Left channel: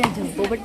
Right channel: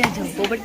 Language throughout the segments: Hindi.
क्या जाऊँ पोपट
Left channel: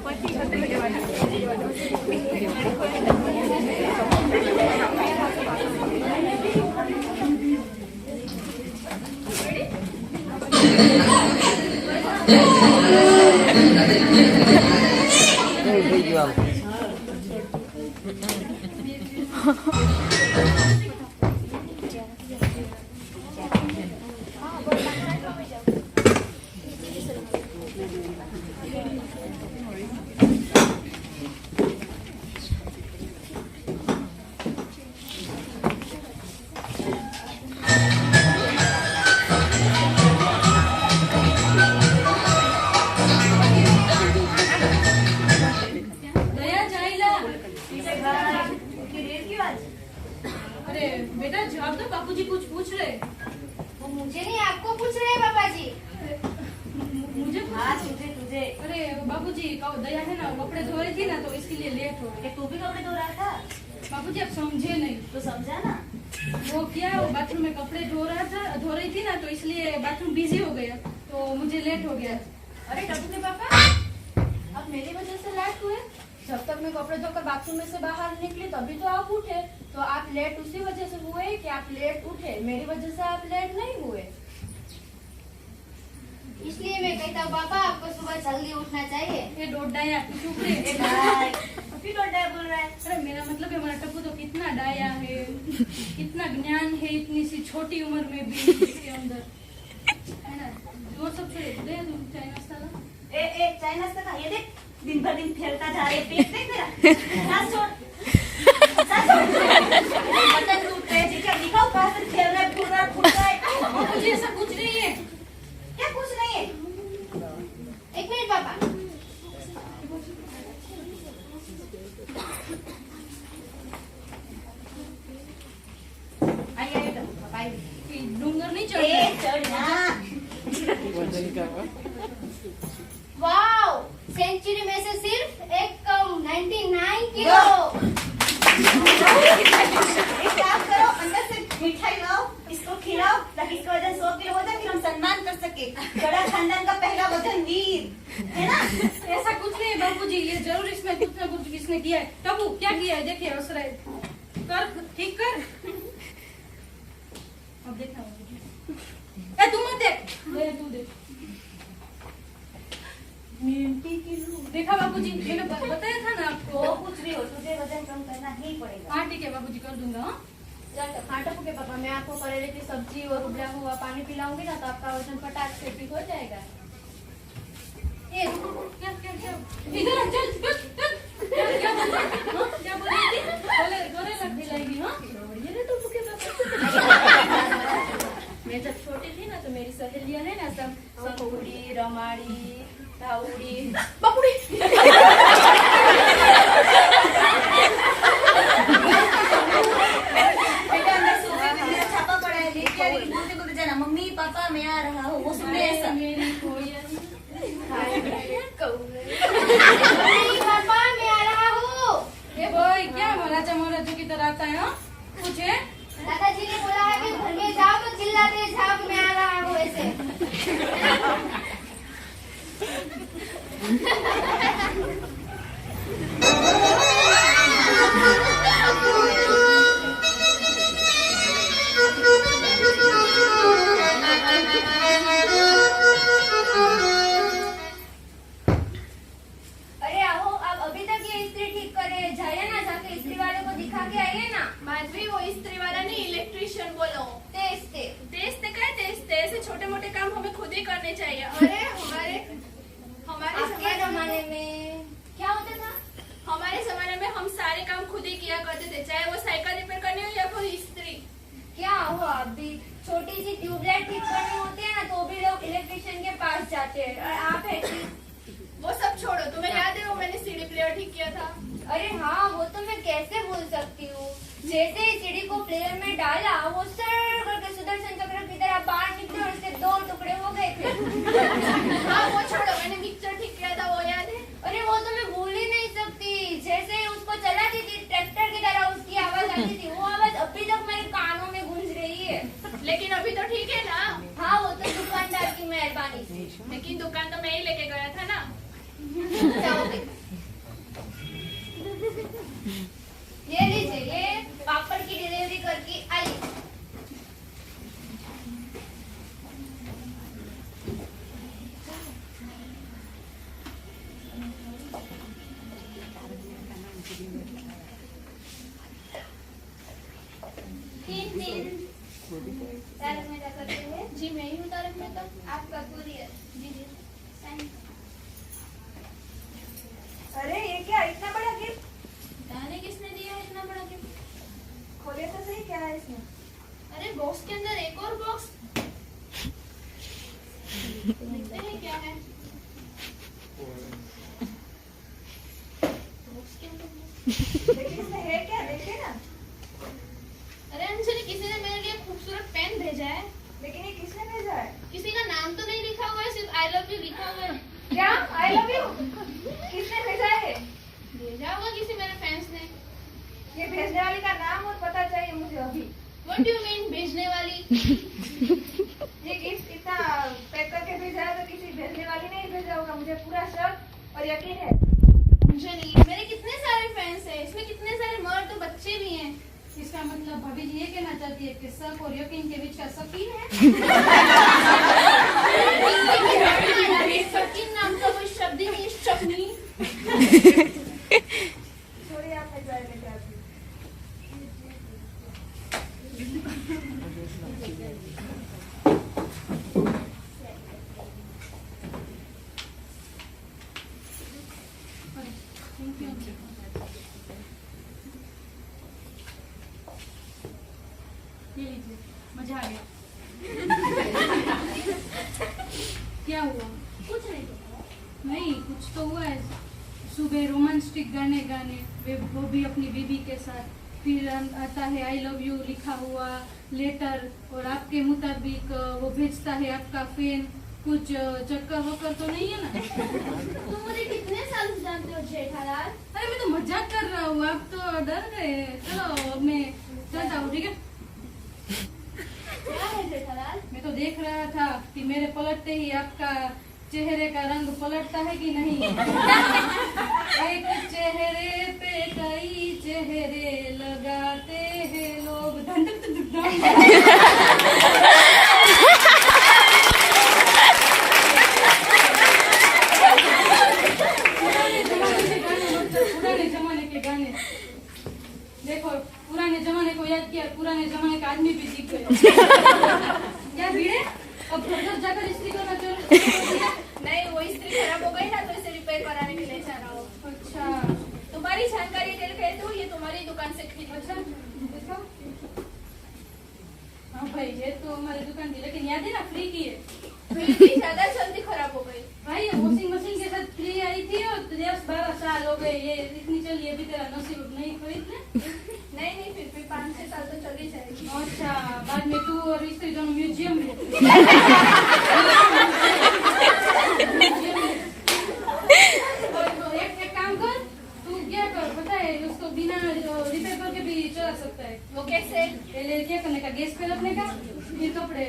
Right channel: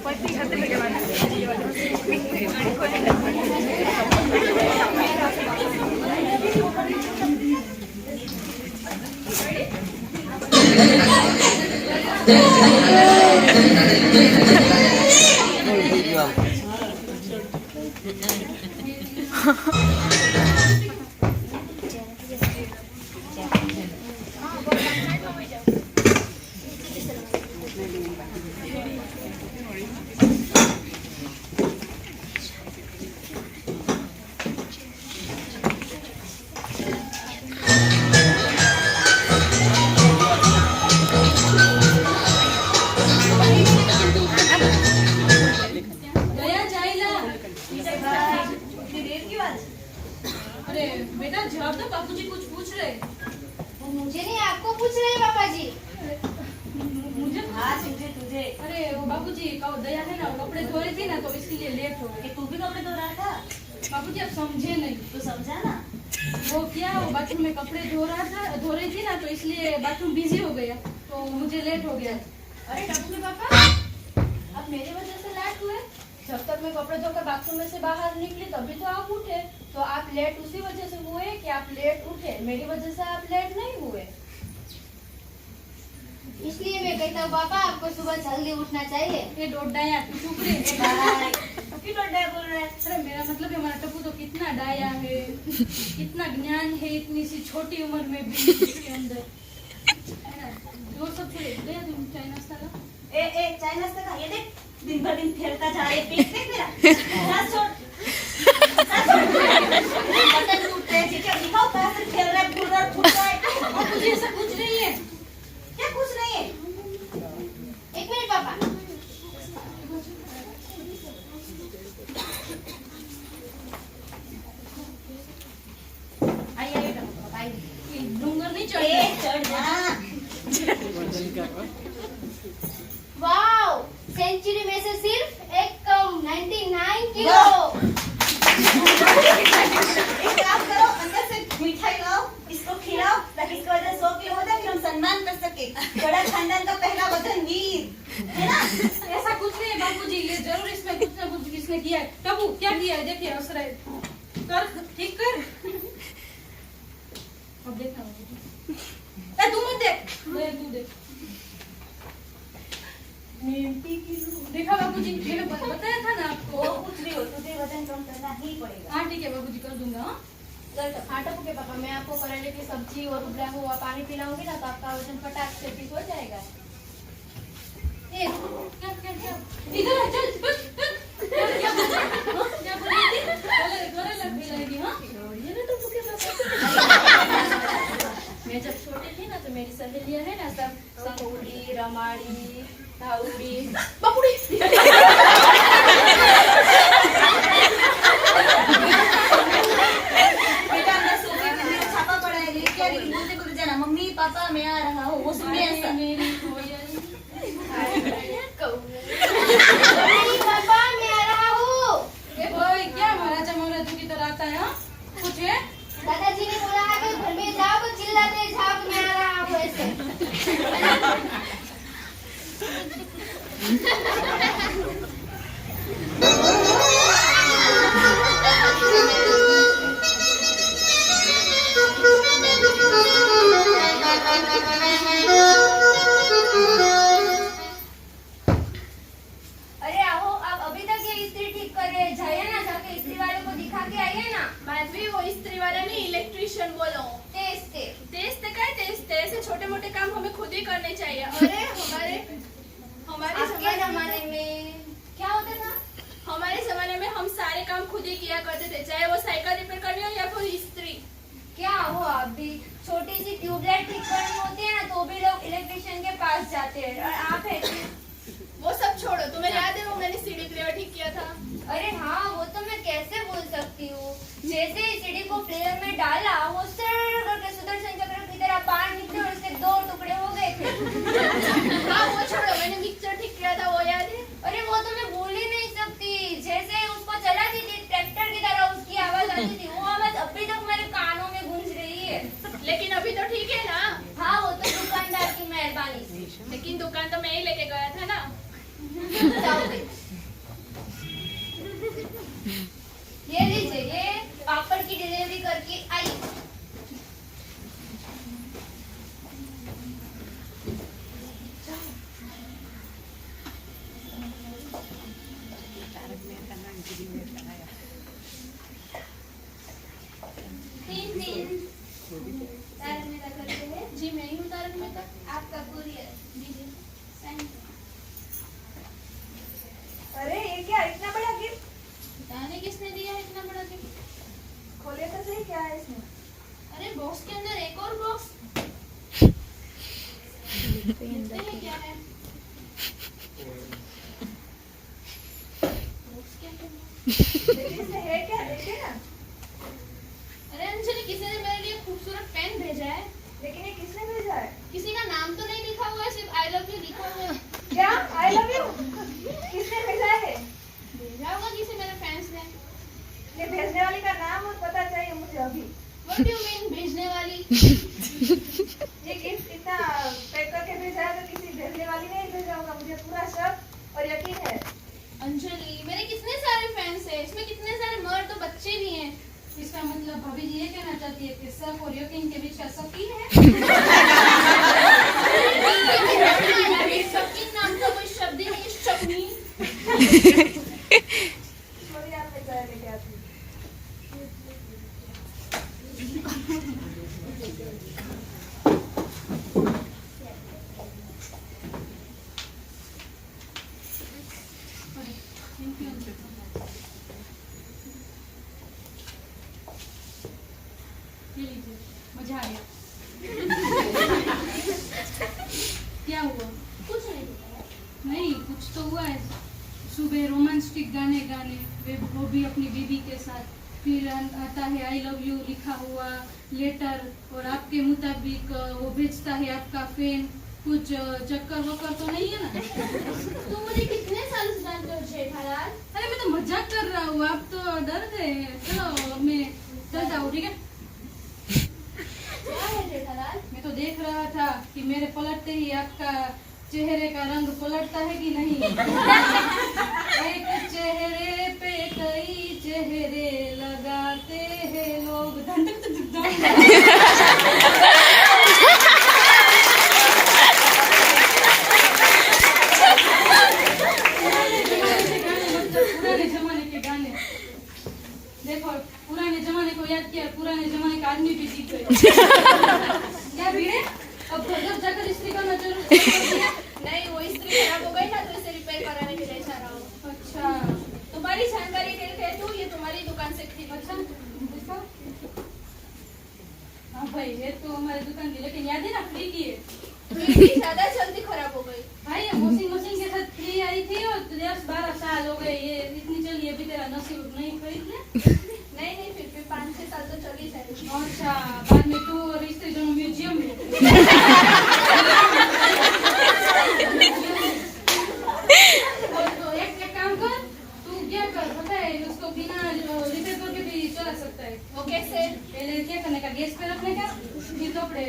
अरे बेटा जवाब दो, बापूजी कुछ पूछ रहे। वो मुझे नहीं आपको पूछ रहे हैं पापा जी। मुझे? हाँ तुझे। अरे वो बापूजी दया है ना, वो कपड़े धो रही थी ना तो इसलिए लेट हो गए। तू भी कपड़े धो रहा था? बापूजी आप समझे नहीं। तो समझा ना। वो क्या, वो बाथरूम में कपड़े धो रही थी ना तो इसलिए बाथरूम बिजी हो गया तो मुझे लेट हो गया। अरे टप्पू के पापा, अब मेरी वजह से लेट हुए? जब तक मैं कपड़े धोकर बाथरूम में से बाहर निकली तभी तो आप उठे। तो आप लेट उसी वजह से हुए कि आप लेट उठे, मेरी वजह से आप लेट नहीं हुए। इसलिए मैं कहता हूँ पापा आपको सुबह जल्दी उठना चाहिए। ये डोडाया चुप रहे। डोडाया बोल रहा है। अरे मेरा मतलब है हमारा टप्पू तो कितना डाया है, कितना ज्ञान है इतनी सी छोटी उम्र में भी इसके अंदर। वो सब छोड़े, दे दूं चाय नाश्ता ला। चाय नाश्ता का ये देख, दिन भर दिन खेलता जा रहे, पेट देख मेरा। सांस छोड़। बटन टूट रहे, ठीक है दिखाओ कहाँ से खेल रहा है, पूरा टूट रहा है। और मुझे ऐसा कुछ नहीं है। क्या कुछ नहीं है? एक मिनट पापा। आइए पापा आइए। डूंगर नहीं चढ़ चढ़ जा। वाओ, सेंचुरी में से सिर्फ एक कम 99 किलो। एक काम करो, अंदर से मिठाई लाओ, इसको खिलाओ ताकि इसकी वजह 100 किलो हो जाए, फिर हम सम्मान कर सके। बड़ा खानदान का पहला वजन वीर है ना। ऐसा कुछ नहीं है बापूजी, ये जरूर इसमें कुछ ना कुछ किसने किया है। टप्पू क्या किया है देखिए, असराय कर, ठीक कर। अब देखना ए तू मत देख, तू देख। देखा बाबूजी, मैंने बताया था ना आपको। वो कुछ भी हो, तुझे वजन कम करना ही पड़ेगा। हाँ ठीक है बाबूजी, कर दूंगा। हाँ टप्पू के पापा, मैं आपको करेले की सब्जी और उबला हुआ पानी पिलाऊंगी ना तो आपका वजन फटाक से ठीक हो जाएगा। ए क्या क्या क्या इधर चल चल। क्या बोल रही थी? हाँ, क्या बोल रही थी? गले लग दिलाएगी। हाँ ये ना टप्पू के पापा। मैं जब छोटी थी ना तो मेरी सहेलियां है ना सब संकुड़ी, रमाड़ी, धाउड़ी, बबुड़ी। छापा पड़ा है, लेके बोलते जाना मम्मी पापा मैं आ रहा हूँ, वो सुने ऐसा। मेरी पापा मैं आ रहा हूँ। ये भाई क्या महाराजा की तरह आता है? हाँ पूछे। दादाजी ने बोला है कि घर में जाओ तो चिल्लाते जाओ कि मैं आ रहा हूँ ऐसे। अरे आओ, आप अभी तक ये इस्त्री ठीक कर रही है, जाइए ना जाके इस्त्री वाले को दिखा के आइए ना। माधवी वो इस्त्री वाला नहीं, इलेक्ट्रिशियन बोलो। तेज तेज ऐसे छोटे मोटे काम हमें खुद ही करने चाहिए। अरे हमारे आपके जमाने में क्या होता था? हमारे जमाने में हम सारे काम खुद ही किया करते थे, चाहे वो साइकिल रिपेयर करनी हो या फिर इस्त्री। क्या हो, आप भी छोटी सी ट्यूबलाइट ठीक करनी होती है ना तो भी लोग इलेक्ट्रिशियन के पास जाते हैं, और आप है वो सब छोड़ो, तुम्हें याद है वो मैंने सीडी प्लेयर ठीक किया था? अरे हाँ, वो तो मैं कैसे भूल सकती हूँ। जैसे ही सीडी को प्लेयर में डाला वो सर करके सुदर्शन चक्र की तरह बाहर निकले और उसके 2 टुकड़े हो गए थे। हाँ वो छोड़ो, मैंने मिक्सर ठीक किया था, वो याद है? अरे वो तो मैं भूल ही नहीं सकती। जैसे ही उसको चलाती थी ट्रैक्टर की तरह उसकी आवाज आती थी, वो आवाज अभी तक मेरे कानों में गूंज रही है। लेकिन अभी तो ठीक है ना? हाँ वो तो दुकानदार की मेहरबानी से। लेकिन दुकान तो मैं ही लेके गया था ना। ये लीजिए, ये पापड़ की डिलीवरी करके आई। तारक मेहता करते हैं। जी मैं ही हूँ तारक मेहता। आपका कुरियर दीजिए। अरे ये क्या इतना बड़ा गिफ्ट? बताने किसने दिया है इतना बड़ा गिफ्ट? खोले तो सही, क्या है इसमें? अरे बॉक्स के अंदर एक और बॉक्स, देखते हैं क्या है बॉक्स के अंदर। लेकिन इसमें है क्या, देखिए ना। अरे अंजलि, किसी ने मेरे लिए खूबसूरत पेन भेजा है। लेकिन ये किसने भेजा है? किसी का नाम तो नहीं लिखा हुआ है, सिर्फ आई लव यू लिखा हुआ है। क्या आई लव यू? किसने भेजा है? भेजा होगा किसी मेरे फैंस ने। ये भेजने वाली का नाम और पता चाहिए मुझे अभी। व्हाट डू यू मीन भेजने वाली? ये गिफ्ट इतना पैक करके भेजा है तो किसी भेजने वाली ने ही भेजा होगा, मुझे पूरा शक और यकीन है। अंजलि, मेरे कितने सारे फैंस हैं, इसमें कितने सारे मर्द और बच्चे भी हैं। इसका मतलब भाभी जी ये कहना चाहती है कि शक और यकीन के बीच का शकीन है। शकीन नाम का कोई शब्द ही नहीं है, शकीन। थोड़ी आप भेजा लेके आती। Thank you. ये लीजिए, मजा आ गया। क्या हुआ? कुछ नहीं पता। नहीं, कुछ तो हुआ है। सुबह रोमांटिक गाने गाने, वो भी अपनी बीबी के साथ, फिर आता है आई लव यू लिखा हुआ लेटर, और आपके मुताबिक वो भेजता है आपका फैन। कुछ चक्कर वक्कर तो नहीं है ना? तुम मुझे कितने साल से जानते हो जेठालाल? अरे मैं तो मजाक कर रहा हूँ, आप तो डर गए। चलो मैं चलता हूँ, ठीक है? क्या है जेठालाल? मैं तो देख रहा था कि मेरे पलटते ही आपका चेहरे का रंग पलटता है कि नहीं। एक चेहरे पे कई चेहरे लगाते हैं लोग। पुराने जमाने के गाने देखो, पुराने जमाने को याद किया, पुराने जमाने का आदमी भी सीख गए। क्या भीड़े, अब घर जाकर स्त्री करना जरूर है? नहीं, वो स्त्री खराब हो गई ना, तो इसे रिपेयर कराने के लिए जा रहा हूँ। अच्छा तुम्हारी जानकारी के लिए कहती हूँ, ये तुम्हारी दुकान से खरीदी। अच्छा, देखो। हाँ भाई, ये तो हमारी दुकान की, लेकिन याद है ना फ्री की है। मेरी ज्यादा जल्दी खराब हो गई। भाई ये वॉशिंग मशीन के साथ फ्री आई थी और 10-12 साल हो गए, ये इतनी चली, अभी तेरा नसीब नहीं खरीदने। नहीं, फिर भी 5-6 साल तो चली जाएगी। अच्छा, बाद में तू और स्त्री दोनों म्यूजियम में। तो एक काम कर, तू क्या कर पता है, उसको बिना रिपेयर करके भी चला सकता है। वो कैसे? पहले क्या करने का, गैस पे रखने का, फिर कपड़े।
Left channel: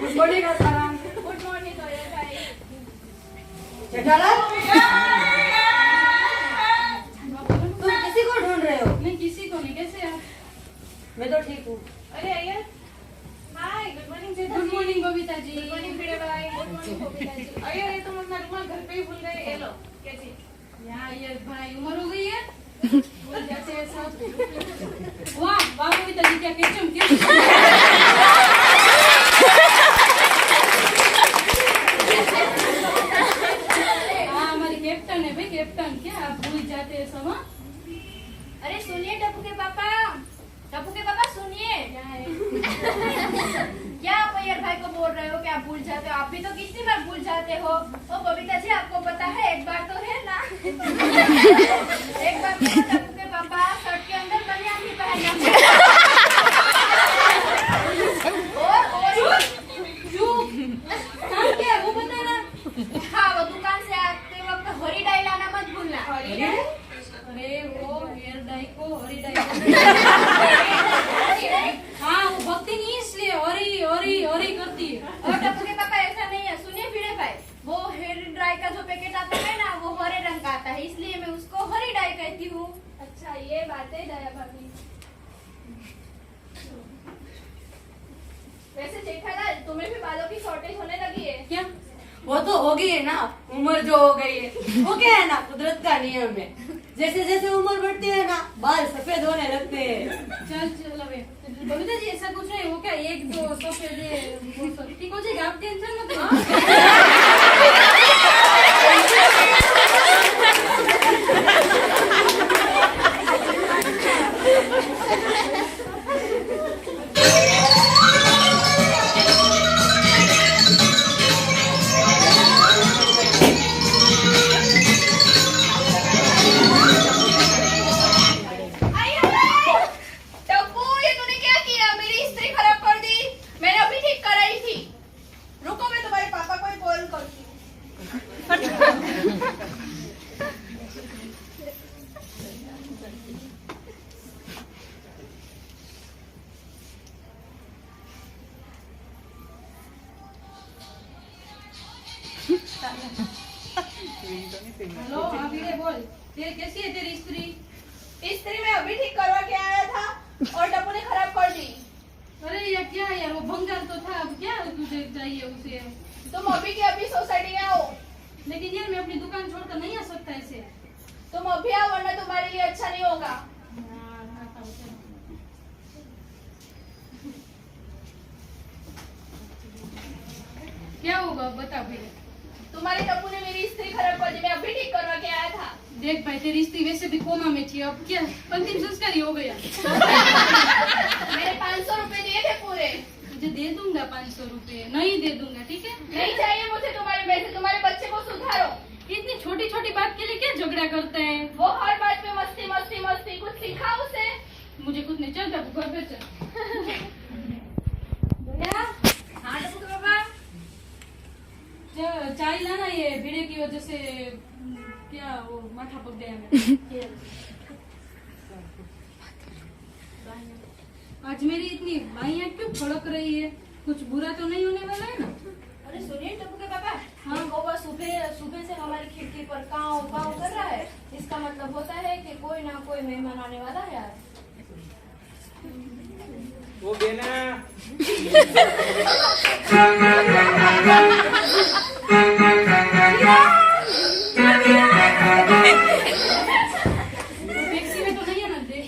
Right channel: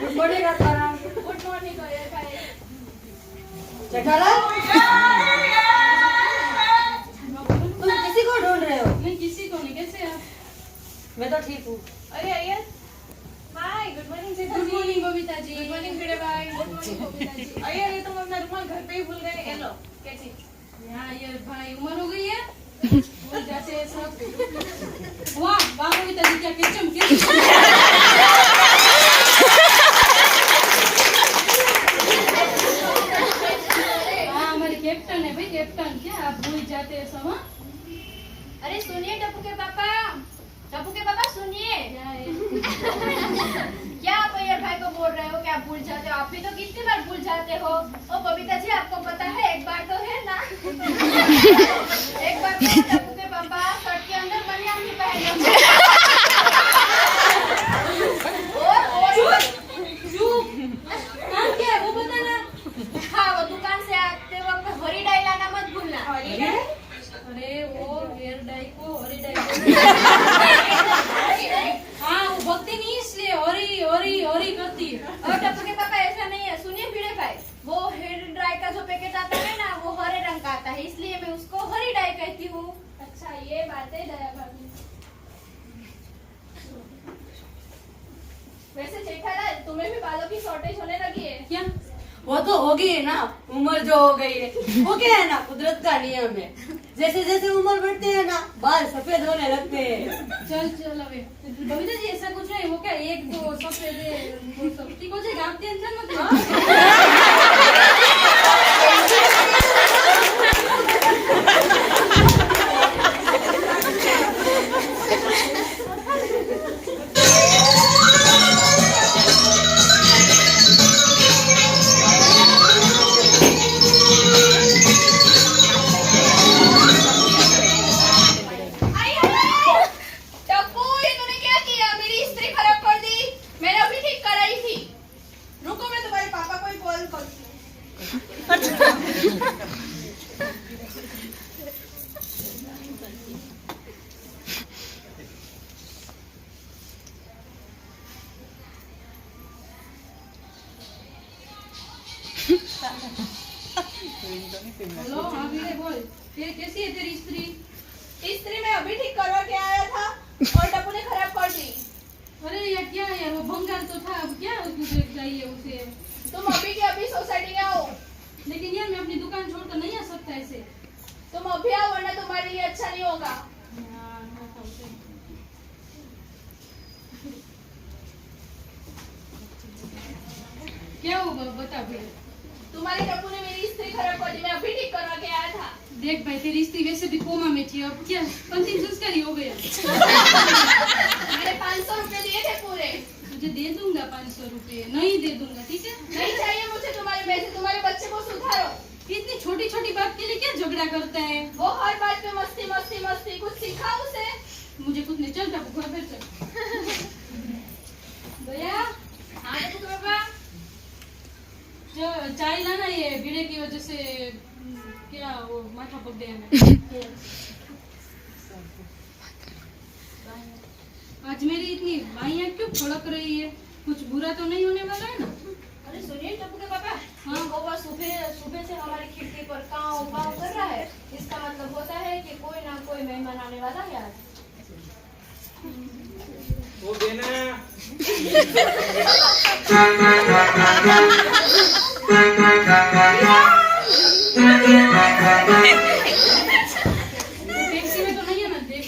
Good morning Atmaram. Good morning भाई। जेठालाल, तुम किसी को ढूंढ रहे हो? नहीं, किसी को नहीं। कैसे आप? मैं तो ठीक हूँ। अरे अय्यर, हाय, गुड मॉर्निंग जेठा। Good morning Babita ji. Good morning भिड़े भाई। Good morning Babita ji. अय्यर, ये तुम अपना रुमाल घर पे ही भूल गए, ये लो। कैसी? यहाँ ये भाई उम्र हो गई है, भूल जाते हैं सब। वाह वाह बबीता जी, क्या केचम हाँ, हमारी कैप्टन है भाई, कैप्टन। क्या आप भूल जाते हैं सब? हाँ? अरे सुनिए टप्पू के पापा सुनिए। क्या आप अय्यर भाई को बोल रहे हो कि आप भूल जाते हो? आप भी तो कितनी बार भूल जाते हो। ओ बबीता जी, आपको पता है, एक बार तो है ना। एक बार तो टप्पू के पापा शर्ट के अंदर बनियान पहने। चुप, काम क्या है वो बताना। हाँ, वो दुकान से आते वक्त हरी डाई लाना मत भूलना। अरे वो हेयर डाई को हरी डाई को हाँ, वो भक्ति नहीं, इसलिए हरी हरी हरी करती है। और टप्पू तुम्हें भी बालों की शॉर्टेज होने लगी है। क्या? वो तो होगी है ना, उम्र जो हो गई है। वो क्या है ना, कुदरत का नियम है। जैसे जैसे उम्र बढ़ती है ना, बाल सफेद होने लगते हैं। चल चल अबे बबीता जी ऐसा कुछ नहीं, वो क्या एक दो सफेद है, वो सब ठीक हो जाएगा, आप टेंशन मत लो। टप्पू, ये तूने क्या किया? मेरी इस्त्री खराब कर दी। मैंने अभी ठीक कराई थी। रुको, मैं तुम्हारे पापा को ही कॉल करती हूँ। हेलो हाँ वीरे बोल, तेरे कैसी है तेरी स्त्री? इस्त्री मैं अभी ठीक करवा के आया था और टप्पू ने खराब कर दी। अरे यार क्या यार, वो भंगार तो था, अब क्या तुझे चाहिए उसे? तुम अभी के अभी सोसाइटी में आओ। लेकिन यार मैं अपनी दुकान छोड़कर नहीं आ सकता ऐसे। तुम अभी आओ, वरना तुम्हारे लिए अच्छा नहीं होगा। हाँ, ना था उसे। क्या होगा बता भैया। तुम्हारे टप्पू ने मेरी इस्त्री खराब कर दी। मैं अभी ठीक करवा के आया था। देख भाई तेरी स्त्री वैसे भी कोमा में थी, अब क्या अंतिम संस्कार ही हो गया। मैंने 500 रुपए दिए थे पूरे। तुझे दे दूंगा 500 रुपए, नहीं दे दूंगा ठीक है। नहीं चाहिए मुझे तुम्हारे पैसे। तुम्हारे बच्चे को सुधारो। इतनी छोटी छोटी बात के लिए क्या झगड़ा करते हैं? वो हर बात पे मस्ती मस्ती मस्ती। कुछ सिखाओ उसे। मुझे कुछ नहीं, चल बाबू घर पे चल। भैया हाँ टप्पू के पापा। चाय लाना, ये भिड़े की वजह से क्या वो माथा पक गया है। आज मेरी इतनी बाइयां क्यों फड़क रही है? कुछ बुरा तो नहीं होने वाला है ना? अरे सुनिए टप्पू के पापा, हाँ। ये कौवा सुबह सुबह से हमारी खिड़की पर काव काव कर रहा है। इसका मतलब होता है कि कोई ना कोई मेहमान आने वाला है आज। वो देना। टैक्सी में तो नहीं है ना, देख